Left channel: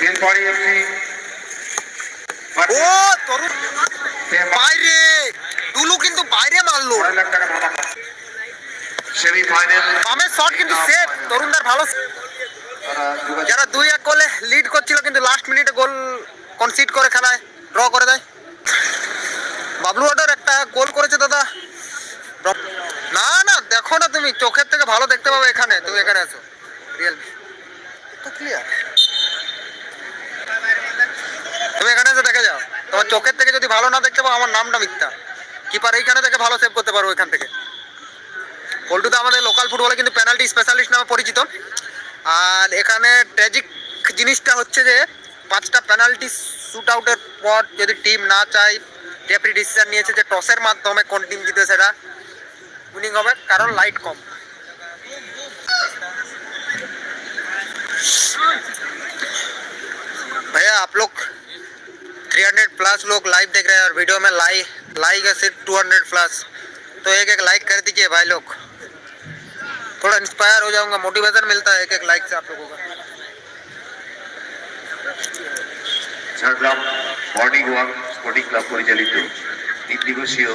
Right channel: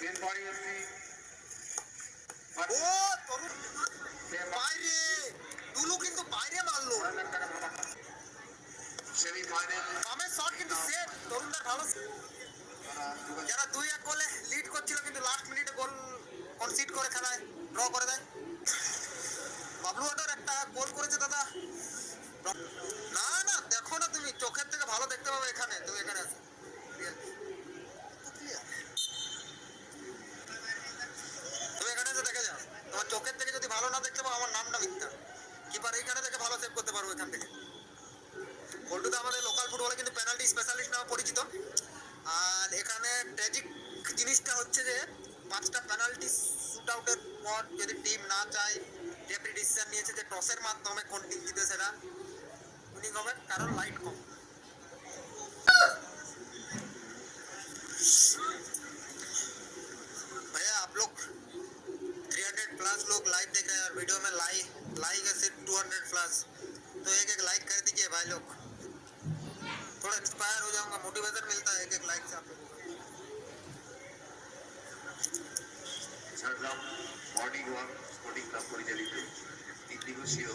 Belpari FC ও তরুণ বাইরে টুলু কিন্তু বাইরে মারলো। 6 লাখ টাকা ধামাকা সেমিফাইনাল বামের শট কিন্তু সেভ তরুণদার ভালো। যারা 2-1 গোলে লিড করছিল কিন্তু লাস্ট মিনিটে গোল কনসিড করে খেলায় ড্র করে দেয়। বাবলু অর্ডার একটা গোল করেছে দাদা। না না দেখো না, তুমি চোখের থেকে ভালো দেখতে পাবে এখানে, তুমি এখানে আছো রিয়েলমি তো ক্লিয়ার, তুমি এখানে এসে দেখে যাও। তোমার চোখের থেকে যদি ভালো না দেখতে পাও আমার নামটা মিথ্যা। কিপার এইখানে থেকে ভালো সেভ করতে পারো এখান থেকে। পল্টুদা আমাদের লোকাল ফুটবলে কিন্তু পেনাল্টি স্পেশালিস্ট নামে পরিচিত। আর এখানে ট্র্যাজিক জিনিসটা হচ্ছে যে 5টা পেনাল্টি শুট আউটের পর যদি টিম না চায়, রেফারি ডিসিশন নিয়েছে যে টসের মাধ্যমে কোন টিম জিতে সেটা উইনিং হবে, কারণ লাইট কম। भैया आप लोग 300 प्लस लोग लाइव देख रहे हैं और वीडियो में लाइक है सिर्फ 200 प्लस, तो एक एक लाइक कर दीजिए भाई लोग, थोड़ा इंस्पायर हो जाऊंगा, मोटिवेशन मिलता है एक एक लाइक से आप लोगों का। Jhargram morning walk sporting club পরিচালিত 3 দিবসীয়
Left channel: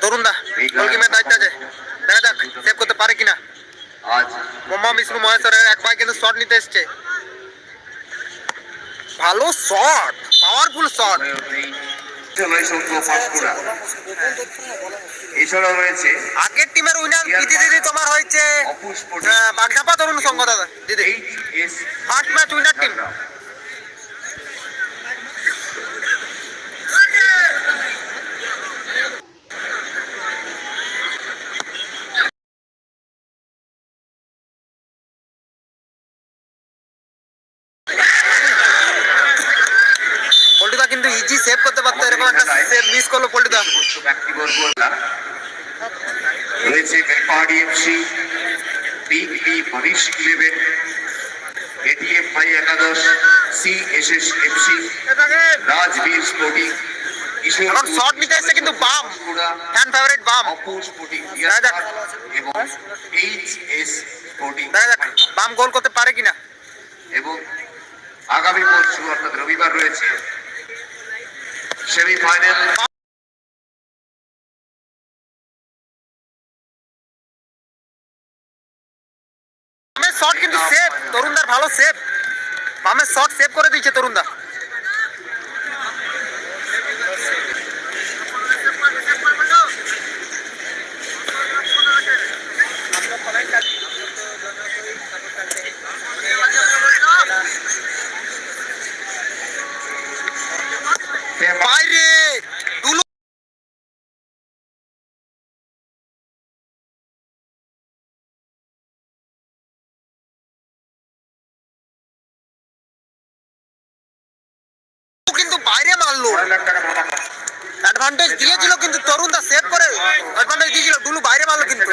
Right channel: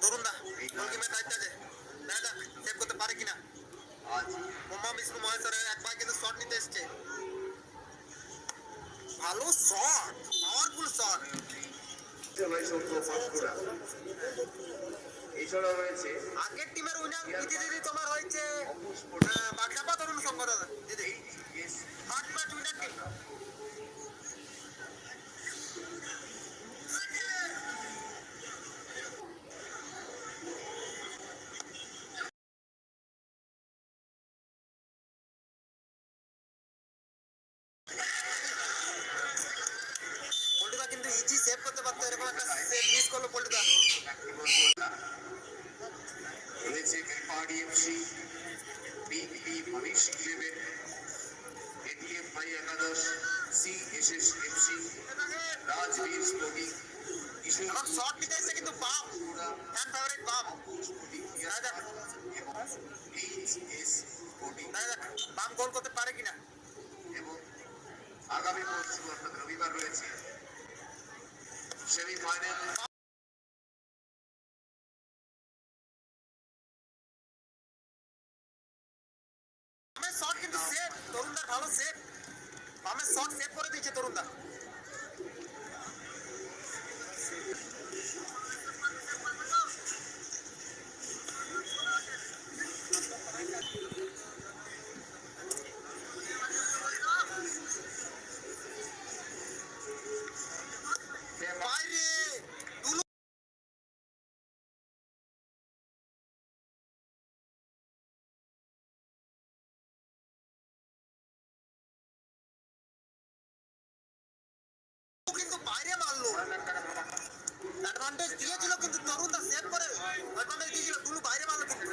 তরুণ দা গোলকি ম্যাচ দায়িত্ব আছে, দেখা যাক সেভ করতে পারে কিনা। আজ মোহাম্মদ বিষ্ণু মহেশ্বরের এক ভাই কিন্তু শট নিতে এসছে, ভালো শট, পাওয়ারফুল শট। এছাড়াও রয়েছে আগের টিমের উইনার দিদি তোমার হয়েছে বাগধাপা তরুণ সংঘ দাদা দিদি, ফার্স্ট ম্যাচ উইনার টিম। পল্টুদা কিন্তু ইজি সেভ করতে পারতো, এরকম একটা সেভ মিস করলো পল্টুদা। রয়েছে বেলপাহাড়ি এফসি, বিগ বি মনীষ 11, এটিএম ভাই একাদশ, সিএসএস এফসি, রাজবীর স্পোর্টিং, এখন শট নিতে এসছে কিন্তু বাম, ফ্যান ফেভারিট বাম। অপুর স্পোর্টিং এবং এইচএস স্পোর্টিং, দেখা যাক বাম গোল করতে পারে কিনা। এবং আগামী পরশু অর্থাৎ রবিবার রয়েছে সেমিফাইনাল। বামের শট কিন্তু সেভ, তরুণদার ভালো সেভ, বামের শট সেভ করে দিয়েছে তরুণদা। বাইরে টুলু কিন্তু বাইরে মারলো, 6 লাখ টাকা ধামাকা অ্যাডভান্টেজ দিয়েছিল কিন্তু তরুণদা সেভ করে অ্যাডভান্টেজ দিয়েছিল, টুলু বাইরে মারলো কিন্তু।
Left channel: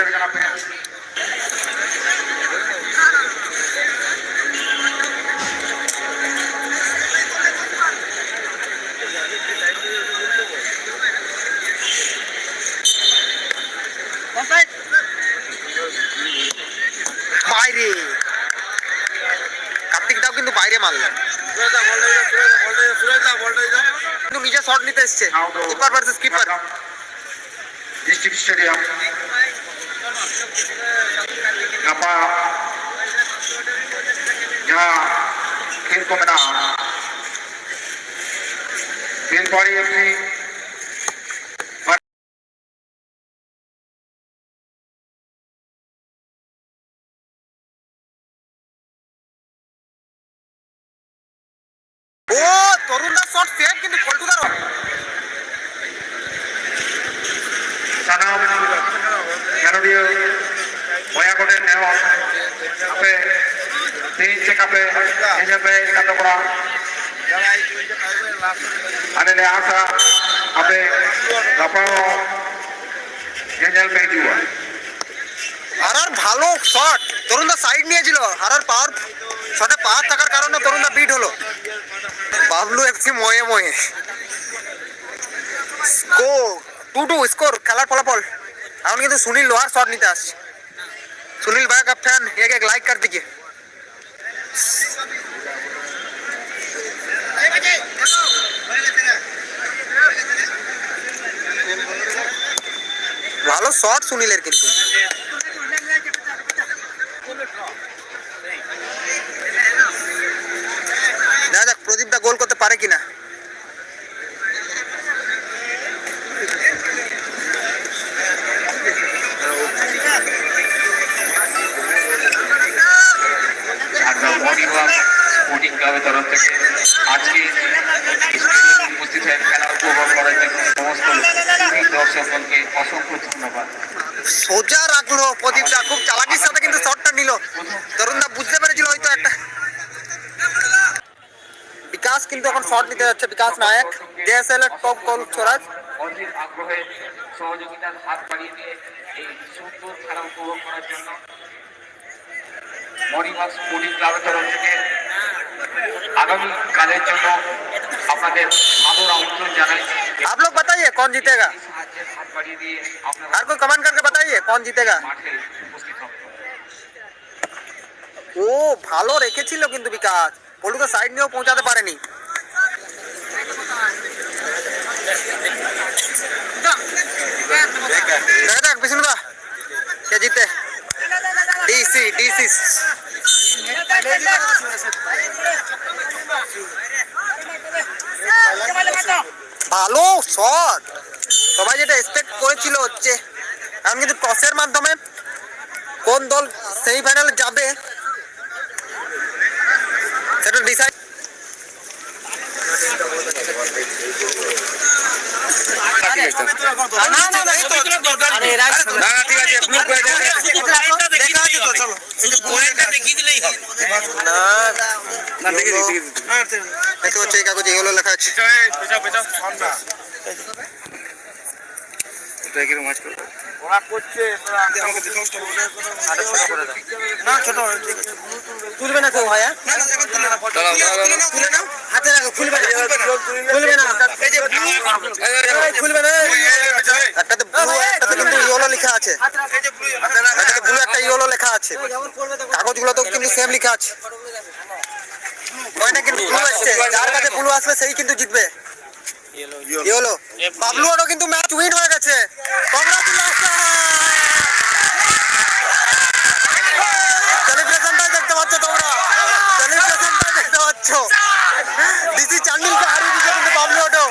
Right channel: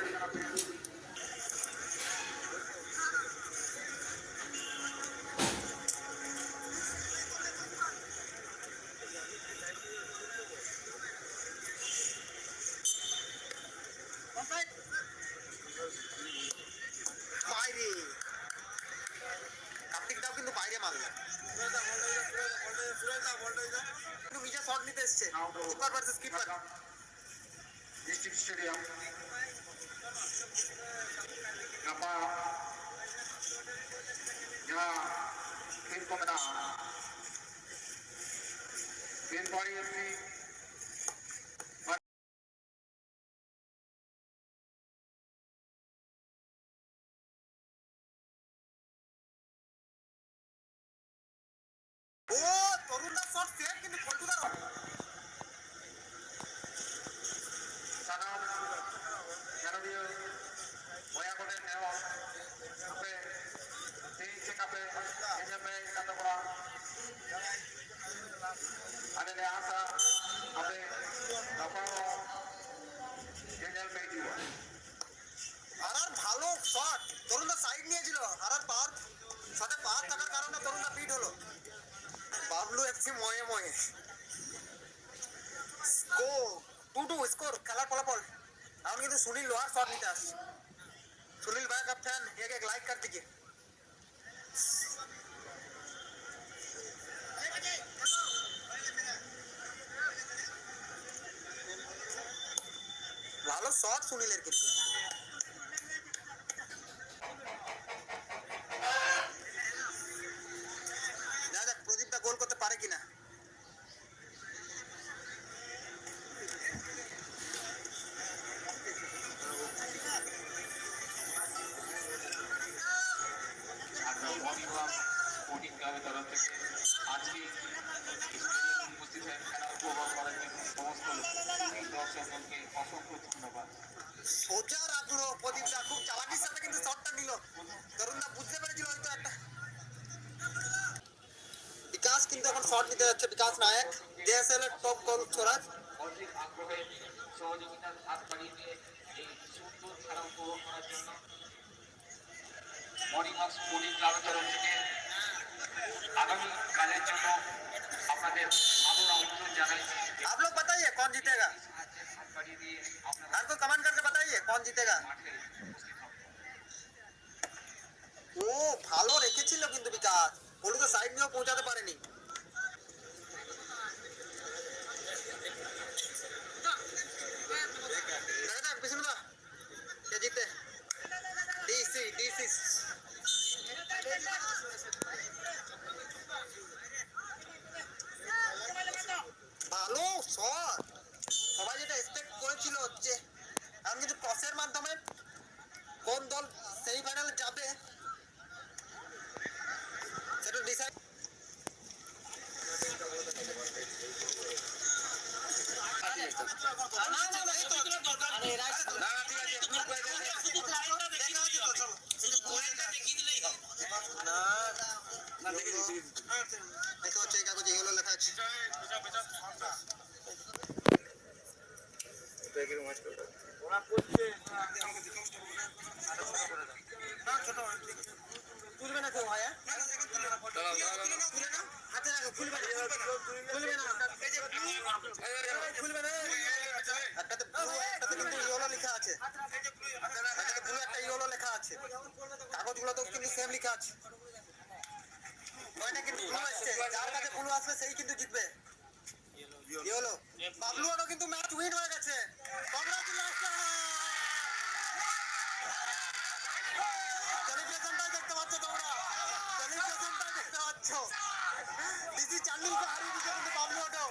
বাইরে কার্তিকদাও কিন্তু বাইরে মারলো, কিন্তু নিজে শট নিতে এসছে। Keeper versus keeper, district stadium नापा यहाँ खेल को मैदान बेलपाड़ी एफसी ও তরুণদার শট সেভ কিন্তু পল্টুদার sanam Melodio Boyakote Neo Ape Team Check Ape Ejape Katapura Anele Asa Ape Kapao Jajal Pejua হারার ভালো শট, তরুণদা সাইড নিয়েছিল, হারার পাওয়ার শটে পাওয়ার থাকার কারণে তরুণদা বিট হলো। বাবলু এফসি ময়ে ময়ে স্কোর 2-2 স্কোর, খেলার ফলাফল। এখন কিন্তু সুনীল লোহার শট নিতে আসছে। সুনীল ভাই का फैन एक एक लाइक कर दीजिए। শট সুনীলের কিন্তু। দেখা যাক প্রদীপ দা গোল করতে পারে কিনা। স্পোর্টিং ক্লাবের তরফ থেকে আজকে স্টেডিয়ামে উপস্থিত হয়ে খেলা উপভোগ করার জন্য সমস্ত দর্শকগণকে অসংখ্য ধন্যবাদ। সোজা রাখলো প্রদীপটা, খুব চালাকির সাথে কিন্তু শটটা নিল। তরুণদা বুঝতে পেরেছিল হয়তো একটা। বিকাশ কিন্তু এখন শট নিতে যাচ্ছে, বিকাশ নায়ক জেএসএল এর টপ গোল ছোড়া। অধীর আগ্রহে সহযোগিতার হাত বাড়িয়ে দিয়ে এই সুন্দর খেলা উপভোগ করার জন্য মণিবাগ স্পোর্টিং ক্লাবের তরফ থেকে আগামী কালের জন্য আপনাদের সাদর আমন্ত্রণ জানাই। आप लोग बताइए कौन जीतेगा, সাহায্যের হাত বাড়িয়ে দিয়ে আপনারা हर कोई कमेंट करके बताइए कौन जीतेगा। মাঠে উপস্থিত হবেন। ও ভালো রেখেছিল কিন্তু বিকাশ, পলু তো সাইড নিয়েও পৌঁছাতে পারেনি। দেখা যাক বিষ্ণুদা কে জিতে। ডিসি ডিসি ভালো শট, সবাই যেটা এক্সপেক্ট করেছিল হচ্ছে। এখন কিন্তু টসের মাধ্যমে কোন দল সেমিফাইনালে যাবে সেটা ডিসাইড। কাগজে এগুলো লেখা আছে। তুলবে না কেউ ভাইয়া, তুলে নাও হাতে রাখো, খুলবে না খুলবে না খুলবে না। একটাতে ব্লু একটাতে কিন্তু ইয়েলো লেখা আছে, একটাতে ব্লু একটা ইয়েলো লেখা আছে। কাগজগুলো তো কিন্তু সেম লেখা আছে। ওইটা কিন্তু ব্লু আসছে, যার কাছে ব্লু আসবে সেই কিন্তু জিতবে। ইয়েলো বাবলুরও কিন্তু ম্যাচ উইন হয়ে গেছে। কংগ্রাচুলেশন, সেলিব্রেশনটা দেখতে পাচ্ছ তোমরা, সেলিব্রেশনটা দেখতে পাচ্ছ। ডিসি চান্ডিলকে হারিয়ে দিচ্ছে কিন্তু বাবলুরও।